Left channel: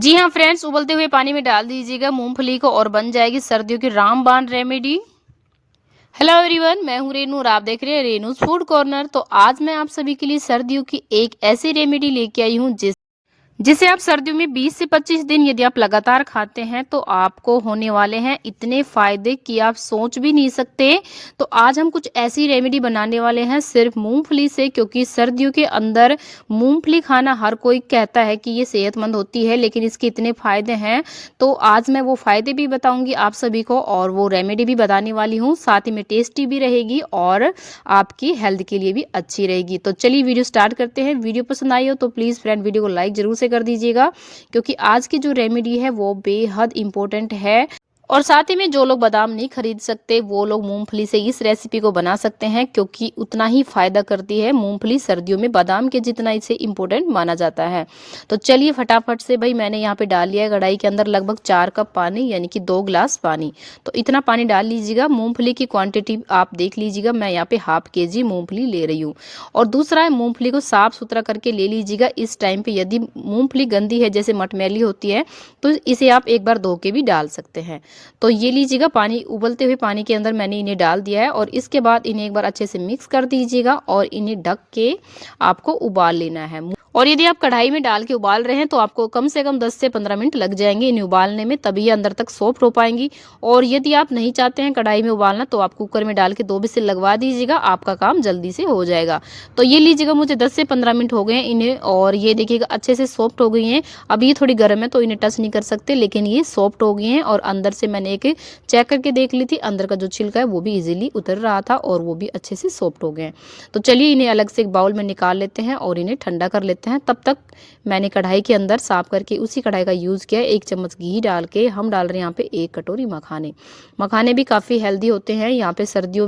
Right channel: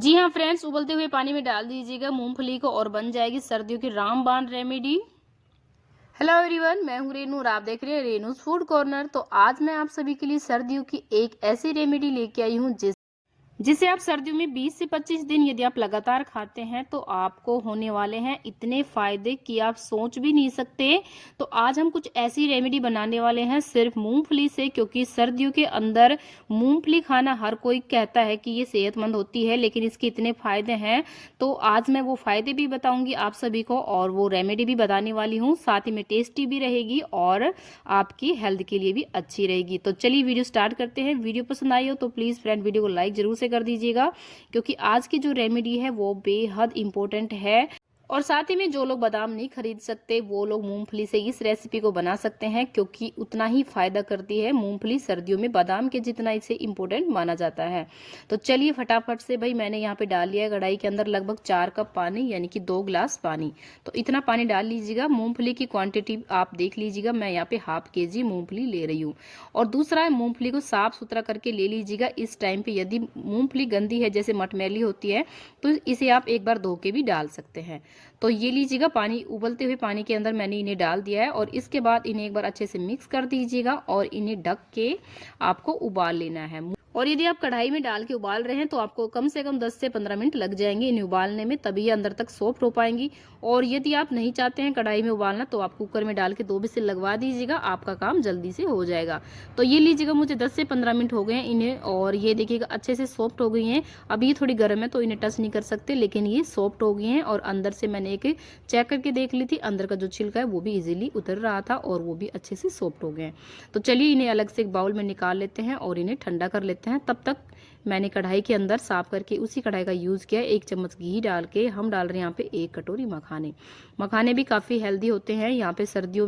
जी हाँ फ्रेंड्स, उबलते हुए पानी में डाल दीजिएगा मूंगफली को और बन जाएगी सर्दियों की रामबाण रेमेडी। हेलो एवरीवन, मैं हूँ रेनू और आप देख रहे हैं रेनूज फूड कॉर्नर। तो आज मैं आप सभी के लिए सर्दियों की एक ऐसी रेमेडी लेके आई हूँ जिसे आप सर्दियों में 20 से 25 दिन यदि आप लगातार खाते हैं तो आपको होने वाले हैं इतने फायदे कि आप सोच भी नहीं सकते। तो आज हम कुछ ऐसी रेमेडी बनाने वाले हैं सिर्फ मूंगफली से, क्योंकि सर्दियों के अंदर मूंगफली खाना हर कोई कहता है कि ये सेहतमंद होती है, लेकिन इसके इतने फायदे हैं। तो आज मैं वो फायदे भी बताऊंगी आप सभी को और वो रेमेडी भी बताने वाली हूँ, साथ ही में टेस्टी भी रहेगी और आपकी हेल्थ के लिए भी अच्छी रहेगी। तो चलिए वीडियो स्टार्ट करते हैं। वीडियो पसंद आई हो तो प्लीज़ फ्रेंड वीडियो को लाइक जरूर से कर दीजिएगा, क्योंकि आज की जो रेमेडी है वो बेहद इंपॉर्टेंट है। और साथ ही में जो लोग बादाम नहीं खरीद सकते वो लोग मूंगफली से इस रेसिपी को बना सकते हैं, क्योंकि उतना ही फायदा करती है मूंगफली सर्दियों में बादाम के जितना इसे इंपॉर्टेंट माना जाता है। तो चलिए फटाफट से, भाई मैंने यहाँ पे डाल लिया है कढ़ाई के अंदर लगभग 4 कप पानी, यानी कि 2 गिलास पानी। तो इतना पानी डाल लीजिएगा। मूंगफली की क्वांटिटी आप देख लीजिएगा, मैं यहाँ पे हाफ केजी मूंगफली ले रही हूँ। और दूसरा है, मूंगफली को साफ सुथरा करके ले लीजिएगा। इस टाइम पे यदि मूंगफली गंदी है, जैसे मटमैली होती है, तो इसे आप एक बार धो के भी डाल सकते हैं। तो ये लीजिएगा, पानी उबलते हुए पानी के अंदर मैंने इन्हें डाल दिया है और इसके बाद इन्हें एक बार अच्छे से मिक्स कर दीजिएगा और इन्हें ढक के आपको उबाल लेना है। और यदि आप कढ़ाई में डाल के उबाल रहे हैं तो आपको कम से कम 10 से 15 मिनट लग जाएंगे इन्हें उबालने में, तभी ये अंदर तक सॉफ्ट हो पाएंगी। और यदि आप नहीं चाहते हैं कढ़ाई में उबालना तो आप कुकर में डाल के 2 विसिल लगवा दीजिएगा, आपका काम जल्दी से हो जाएगा। तो ये लीजिएगा, मुझे 10 से 15 मिनट हो गए हैं इन्हें और ये देखिएगा अच्छे से सॉफ्ट हो गई हैं। अब ये थोड़ी गर्म है तो इन्हें टच नहीं कर सकते, लेकिन ये सॉफ्ट हो गई हैं और अंदर से मैंने एक चेक करके देख ली थी, अंदर का जो छिलका है वो भी इजीली उतर रहा था और वो भी अच्छे से सॉफ्ट हो गए हैं। तो चलिए इन्हें अलग से एक बाउल में निकाल लेते हैं और इन्हें ठंडा कर लेते हैं। तब तक मैंने कढ़ाई के अंदर साफ करके उसी कढ़ाई का यूज़ किया है। 1 चम्मच घी डाल के हम डाल रहे हैं यहाँ पे 1 कटोरी मखाने। मखाने भी काफ़ी हेल्दी होते हैं यहाँ पे सर्दियों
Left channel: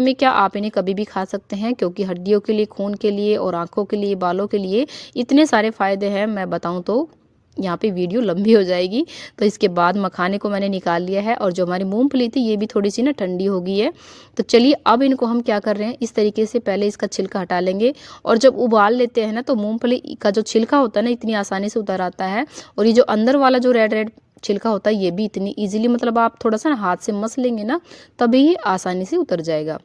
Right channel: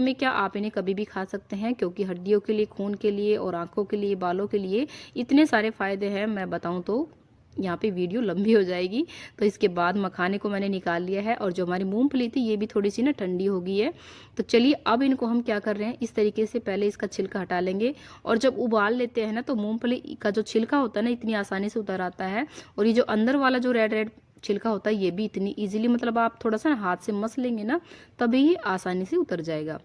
में क्या आप इन्हें कभी भी खा सकते हैं, क्योंकि हड्डियों के लिए, खून के लिए और आंखों के लिए, बालों के लिए इतने सारे फायदे हैं, मैं बताऊँ तो यहाँ पे वीडियो लंबी हो जाएगी। तो इसके बाद मखाने को मैंने निकाल लिया है और जो हमारी मूंगफली थी ये भी थोड़ी सी ना ठंडी हो गई है। तो चलिए अब इनको हम क्या कर रहे हैं, इस तरीके से पहले इसका छिलका हटा लेंगे। और जब उबाल लेते हैं ना तो मूंगफली का जो छिलका होता है ना इतनी आसानी से उतर आता है, और ये जो अंदर वाला जो रेड रेड छिलका होता है ये भी इतनी ईजिली, मतलब आप थोड़ा सा हाथ से मस लेंगे ना तभी ये आसानी से उतर जाएगा।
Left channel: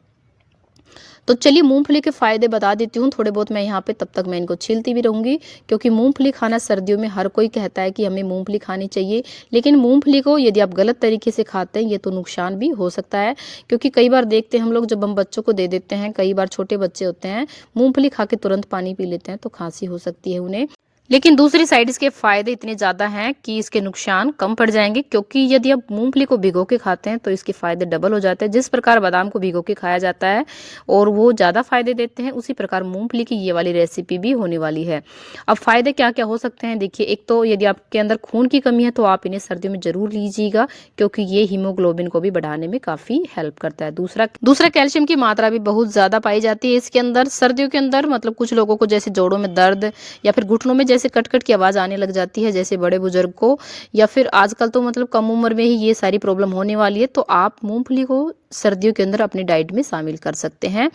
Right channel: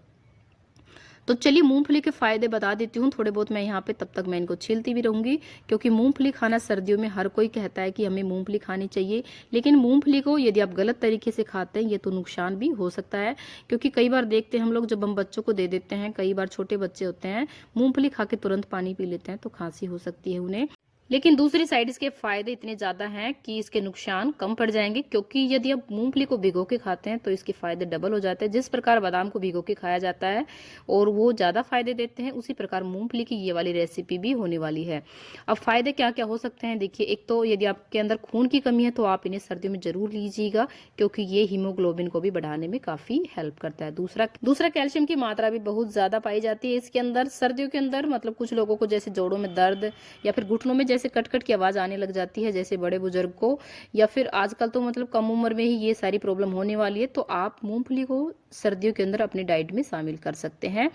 तो चलिए मूंगफली के फ़ायदे बता देती हूँ थोड़े बहुत मैं यहाँ पे, तब तक मैं इनको छीलती भी रहूँगी, क्योंकि मूंगफली खाना सर्दियों में हर कोई कहता है कि हमें मूंगफली खानी चाहिए। लेकिन मूंगफली को यदि आप गलत तरीके से खाते हैं ये तो नुकसान भी हो सकता है, क्योंकि कई बार देखते हैं हम लोग, जब हम बच्चों को दे देते हैं, कई बार छोटे बच्चे होते हैं मूंगफली खा के तुरंत पानी पी लेते हैं तो खांसी हो सकती है उन्हें। लेकिन दूसरी साइड इसके फायदे इतने ज़्यादा हैं कि इसके नुकसान कम पड़ जाएंगे, क्योंकि यदि आप मूंगफली को भिगो के खाते हैं तो इसके फायदे डबल हो जाते हैं। जिस प्रकार बादाम को भिगो के खाया जाता है और वो ज़्यादा फायदे देते हैं, उसी प्रकार मूंगफली की ये वाली रेसिपी भी होने वाली है। अब फायदे क्या क्या हो सकते हैं, देखिए, एक तो यदि आपके अंदर खून की कमी है तो आप इन्हें सर्दियों में जरूर लीजिएगा, क्योंकि ये हीमोग्लोबिन को भी बढ़ाने में काफ़ी हेल्प करता है। दूसरा कैल्शियम की मात्रा भी बहुत ज़्यादा पाई जाती है इसके अंदर सर्दियों के अंदर। मतलब कुछ लोगों को जैसे जोड़ों में दर्द या फिर घुटनों में जैसे कट कट की आवाज़ आने लग जाती है, जैसे बड़े बुजुर्ग को, या फिर आजकल तो मतलब कम उम्र में ही ये सारी प्रॉब्लम होने वाली है, तो आप मूंगफली को सर्दियों के अंदर अपनी डाइट में शामिल कर सकते हैं।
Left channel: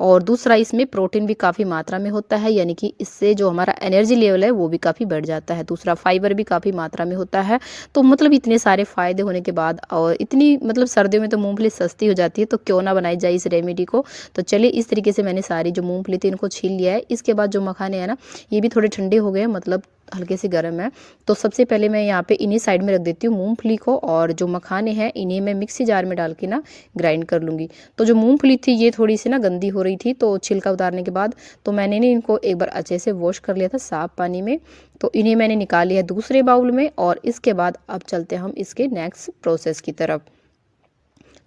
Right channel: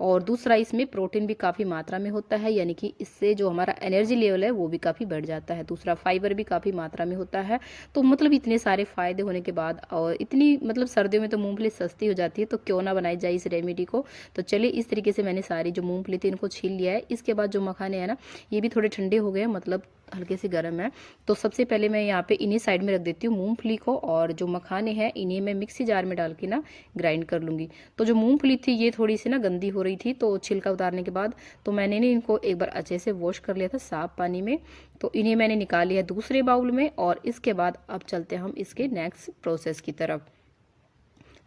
और दूसरा, इसमें प्रोटीन भी काफ़ी मात्रा में होता है, यानी कि इससे जो हमारा एनर्जी लेवल है वो भी काफ़ी बढ़ जाता है। दूसरा, फाइबर भी काफ़ी मात्रा में होता है। तो मतलब इतने सारे फायदे होने के बाद और इतनी मतलब सर्दियों में तो मूंगफली सस्ती हो जाती है, तो क्यों ना बनाई जाए इस रेमेडी को। तो चलिए इस तरीके से मैंने सारी जो मूंगफली थी इनको छील लिया है। इसके बाद जो मखाने हैं ना ये भी थोड़े ठंडे हो गए हैं, मतलब हल्के से गर्म है। तो सबसे पहले मैं यहाँ पे इन्हीं साइड में रख देती हूँ मूंगफली को, और जो मखाने हैं इन्हें मैं मिक्सी जार में डाल के ना ग्राइंड कर लूँगी। तो जो मूंगफली थी ये थोड़ी सी ना गंदी हो रही थी, तो छिलका उतारने के बाद तो मैंने ना इनको एक बार अच्छे से वॉश कर लिया था साफ पानी में। तो इन्हें मैंने निकाल लिया दूसरे बाउल में, और इसके बाद अब चलते हैं हम इसके नेक्स्ट प्रोसेस की तरफ।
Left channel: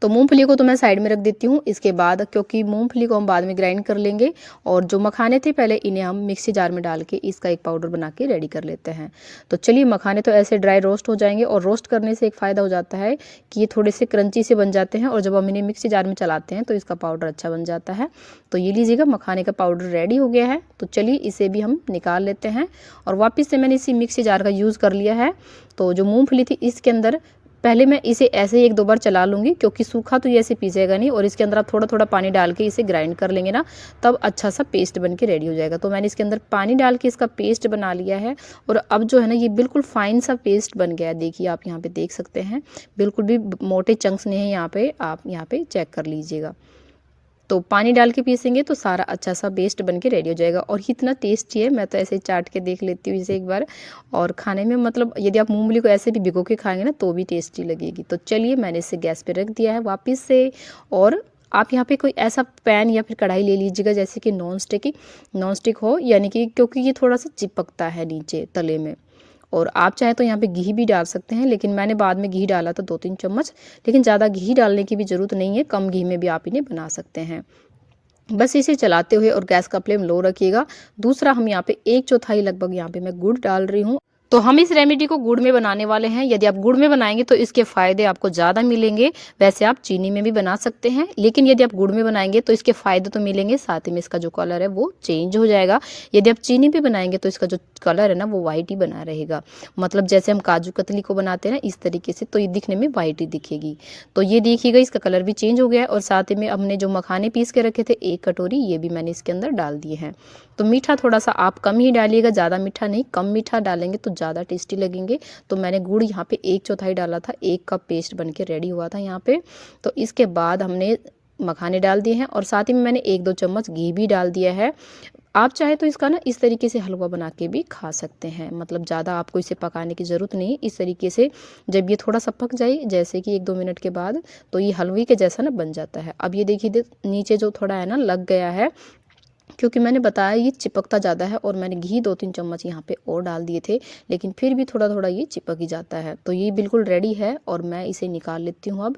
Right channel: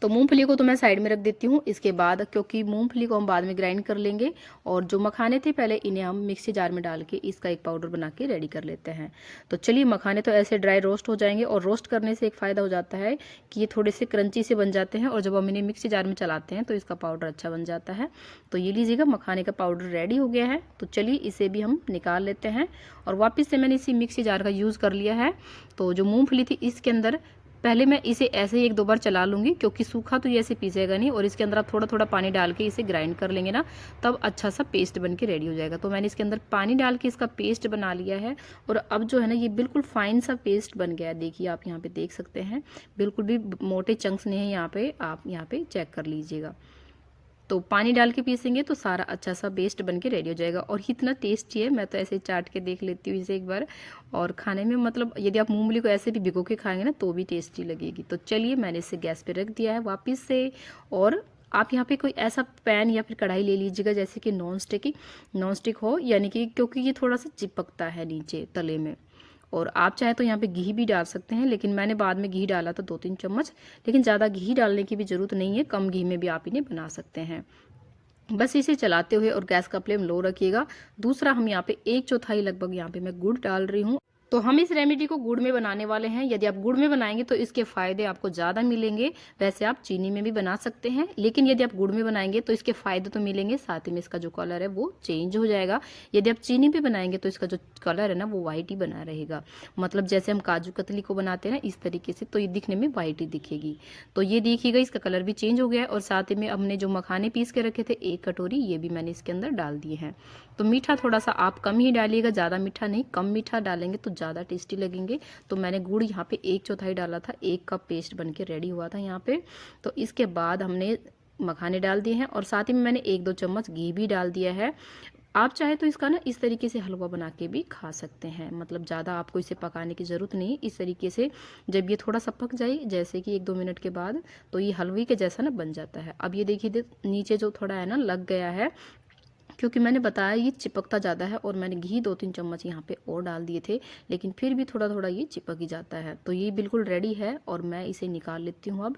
तो मूंगफली को तो मैं साइड में रख देती हूँ। इसके बाद, क्योंकि मूंगफली को हम बाद में ग्राइंड कर लेंगे, और जो मखाने थे पहले इन्हें हम मिक्सी जार में डाल के इसका एक पाउडर बना के रेडी कर लेते हैं। तो चलिए, मखाने तो ऐसे ड्राई रोस्ट हो जाएंगे, और रोस्ट करने से एक फ़ायदा हो जाता है कि ये थोड़े से क्रंची से बन जाते हैं, और जब हम इन्हें मिक्सी जार में चलाते हैं तो इसका पाउडर अच्छा बन जाता है। तो ये लीजिएगा, मखाने का पाउडर रेडी हो गया है। तो चलिए इसे भी हम निकाल लेते हैं, और वापस से मैंने इसी मिक्सी जार का यूज़ कर लिया है। तो जो मूँगफली थी इसके अंदर पहले मैं इसे ऐसे ही 1-2 बार चला लूँगी, क्योंकि सूखा तो ये ऐसे पीसेगा नहीं, और इसके अंदर आप थोड़ा-थोड़ा पानी डाल के इसे ग्राइंड कर लेंगे ना, तब अच्छा सा पेस्ट बन के रेडी हो जाएगा। तो मैंने इसके अंदर पानी डाल के इसका पेस्ट बना लिया है, और अब जो है ना ये बिल्कुल फाइन सा पेस्ट बन गया है। देखिए आप यहाँ पे देख सकते हैं, बिल्कुल भी मोटे चंक्स नहीं है यहाँ पे, आप यहाँ पे चेक कर लीजिएगा। तो पानी डाल के पीसेंगे तो सारा अच्छा सा पेस्ट बन के रेडी हो जाएगा, और इतना टेस्टी है। मैं तो ऐसे ही चाट के देख लेती हूँ इसे एक बार, और खाने में मतलब यदि आप मूंगफली को ऐसे भी भिगो के खाएंगे ना तो भी टेस्टी लगेगी। तो चलिए मैंने इसे गैस पे रख दिया है वापस से, और आप यहाँ पे कोई ऐसा पैन या फिर कढ़ाई ले लीजिएगा जैसे कि नॉन स्टिक हो, यानी कि क्योंकि ये थोड़ा सा चिपकता है नीचे तले में। और आप चाहे तो यहाँ पे घी भी डाल सकते हैं, लेकिन मैंने बाद में घी डाला था 2-3 चम्मच, लेकिन ज़्यादा घी डालने की भी ज़रूरत नहीं है, कम घी में भी आप इन्हें बना सकते हैं। बस इसे चलाते हुए और गैस का फ्लेम लो रखिएगा। दूसरा हम यहाँ पे 1/4 लगभग यहाँ पे मैं गुड़ डाल रही हूँ। तो हम इस रेमेडी को गुड़ में बनाने वाले हैं। यदि आप गुड़ में बनाएंगे तो इसके फायदे आपको ज़्यादा मिलेंगे। वैसे आप चीनी में भी बना सकते हैं, लेकिन यदि आप गुड़ में बनाएंगे तो इसके फायदे तो मिलेंगे, साथ ही में इसका जो कलर है वो चेंज हो जाएगा। यदि आप चीनी पे बनाएंगे तो इसका जो कलर है ना वो वाइट ही बना रहेगा, मतलब जैसे हम काजू कतली को बनाते हैं ना इस तरीके से, तो ये दिखने में वाइट ही दिखेगी। तो ये देखिएगा इसका कलर भी चेंज हो गया है, और साथ ही में हमने जो मखाने पीस के रखे थे 1 कटोरी, ये भी मैंने इसके अंदर डाल दिए हैं। तो मीठा थोड़ा सा आप कम ही डालिएगा, ज़्यादा मीठा नहीं, कम मीठा डालेंगे तो ज़्यादा टेस्टी लगेंगे। तो मैंने गुड़ यहाँ पे 1/4 डाला था, 1 कप पेस्ट बन के रेडी हुआ था यहाँ पे। तो इसके बाद हमने मखाने डाल दिए हैं, और साथ ही में मैंने 1-2 चम्मच घी भी डाल दिया है। आप चाहे तो इसका ना इस तरीके से हलवा बना के भी खा सकते हैं, मतलब ज़्यादा आपको इसे पकाने की ज़रूरत नहीं। इस तरीके से जब ये थोड़ा सा पक जाए, जैसे कि 1-2 मिनट के बाद, तो ये हलवे के जैसा ना बन जाता है। अब ये देखिए नीचे जो थोड़ा है ना लग गया है, क्योंकि मैंने बताया ये चिपकता ज़्यादा है, और मैंने घी 2-3 चम्मच यहाँ पे और डाल दिए थे, लेकिन फिर भी थोड़ा थोड़ा ये चिपक ही जाता है। तो ये बिल्कुल रेडी है, और मैं इसे निकाल लेती हूँ अब।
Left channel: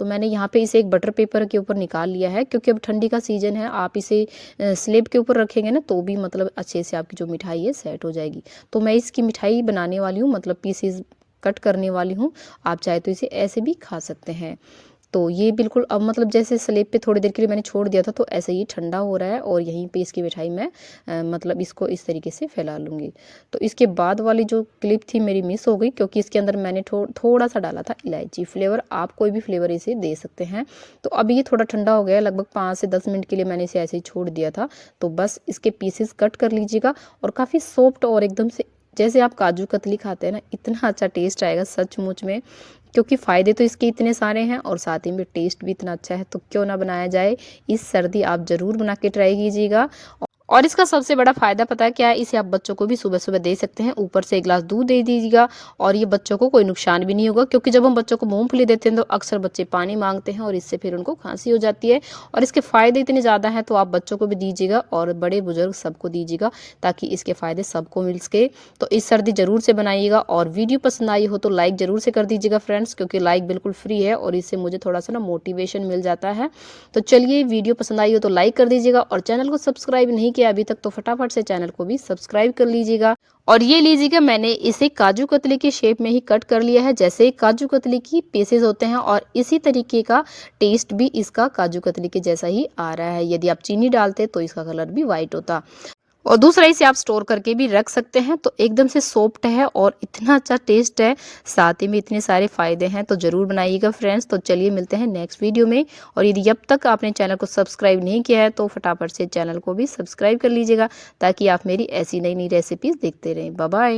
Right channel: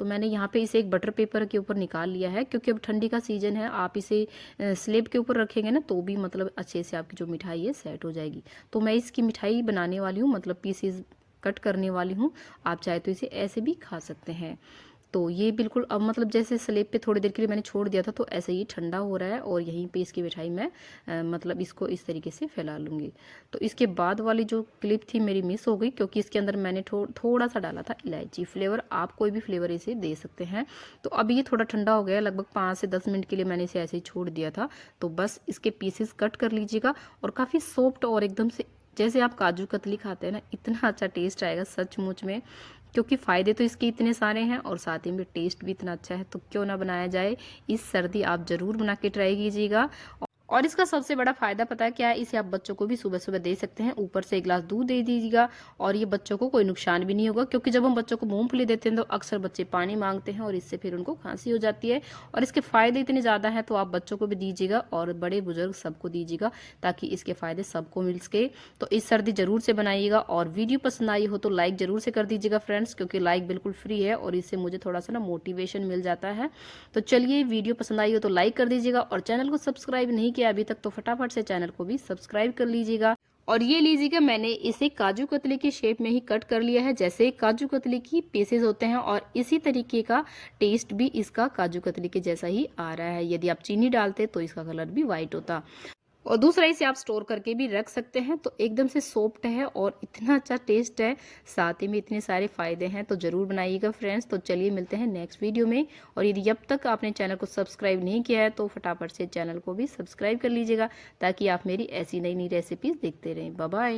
तो मैंने यहाँ पे इसे एक बटर पेपर के ऊपर निकाल लिया है, क्योंकि अब ठंडी का सीज़न है, आप इसे स्लेब के ऊपर रखेंगे ना तो भी मतलब अच्छे से आपकी जो मिठाई है सेट हो जाएगी। तो मैं इसकी मिठाई बनाने वाली हूँ, मतलब पीसीज कट करने वाली हूँ। आप चाहे तो इसे ऐसे भी खा सकते हैं। तो ये बिल्कुल अब मतलब जैसे स्लेब पे थोड़ी देर के लिए मैंने छोड़ दिया था, तो ऐसे ही ठंडा हो रहा है, और यहीं पे इसकी मिठाई मैं मतलब इसको इस तरीके से फैला लूँगी। तो इसके बाद वाली जो क्लिप थी मेरी मिस हो गई, क्योंकि इसके अंदर मैंने थोड़ा सा डाला था इलायची फ्लेवर। आप कोई भी फ्लेवर इसे दे सकते हैं। तो अब ये थोड़ा ठंडा हो गया, लगभग 5 से 10 मिनट के लिए मैंने इसे ऐसे ही छोड़ दिया था। तो बस इसके पीसेस कट कर लीजिएगा, और काफ़ी सॉफ्ट और एकदम से जैसे आप काजू कतली खाते हैं ना, इतना अच्छा टेस्ट आएगा सचमुच में। क्योंकि फ़ायदे तो इसके इतने सारे हैं, और साथ ही में टेस्ट भी इतना अच्छा है, तो क्यों ना बनाया जाए। इस सर्दी आप ज़रूर बना के ट्राई कीजिएगा। और इसका सबसे बड़ा फ़ायदा पता है क्या है, इसे आप बच्चों को भी सुबह सुबह दे सकते हैं। ऊपर से 1 ग्लास दूध दे दीजिएगा, और ये बच्चों को कोई नुकसान भी नहीं होगा, क्योंकि जब हम बच्चों को मूंगफली देते हैं तो अक्सर बच्चे पानी मांगते हैं, और इससे फिर उनको खांसी हो जाती है। और इसके फ़ायदे इतने ज़्यादा हैं, तो आप बच्चों को भी दीजिएगा, और बड़े बुजुर्ग सबको दीजिएगा, ताकि इसके फ़ायदे सबको मिल सके। तो इस सर्दी ज़रूर से बनाइएगा, और वीडियो पसंद आई हो तो लाइक ज़रूर से कर दीजिएगा फ्रेंड्स, क्योंकि लाइक बिल्कुल फ्री है, और इससे मुझे थोड़ा सा ना मोटिवेशन मिल जाता है। तो चलिए, वीडियो पसंद आई हो तो लाइक कर दीजिएगा, और चैनल को सब्सक्राइब नहीं किया अभी तक तो फटाफट से चैनल को भी सब्सक्राइब कर लीजिएगा। और ये लीजिएगा, मैंने इसे काजू कतली की शेप में ही कट कर लिया है, जैसे काजू कतली की पीसेस होते हैं, और इसी तरीके का टेस्ट भी इसका काजू कतली के जैसा ही आ रहा है। यदि आप चीनी डालते तो इसका कलर भी वाइट होता। और दूसरा, इसे आप स्टोर करके भी रख सकते हैं। तो एकदम से सॉफ्ट है, और इतना अच्छा टेस्ट है, साथ ही में इतने सारे फायदे हैं। तो ज़रूर बनाइएगा फ्रेंड्स। तो चलिए मिलते हैं नेक्स्ट वीडियो में। और यदि अब तक आपने चैनल को सब्सक्राइब नहीं किया है तो फटाफट से चैनल को भी सब्सक्राइब कर लीजिएगा, ताकि आप मेरी ऐसी नई नई रेसिपीज़ देखते रहें। Bye bye.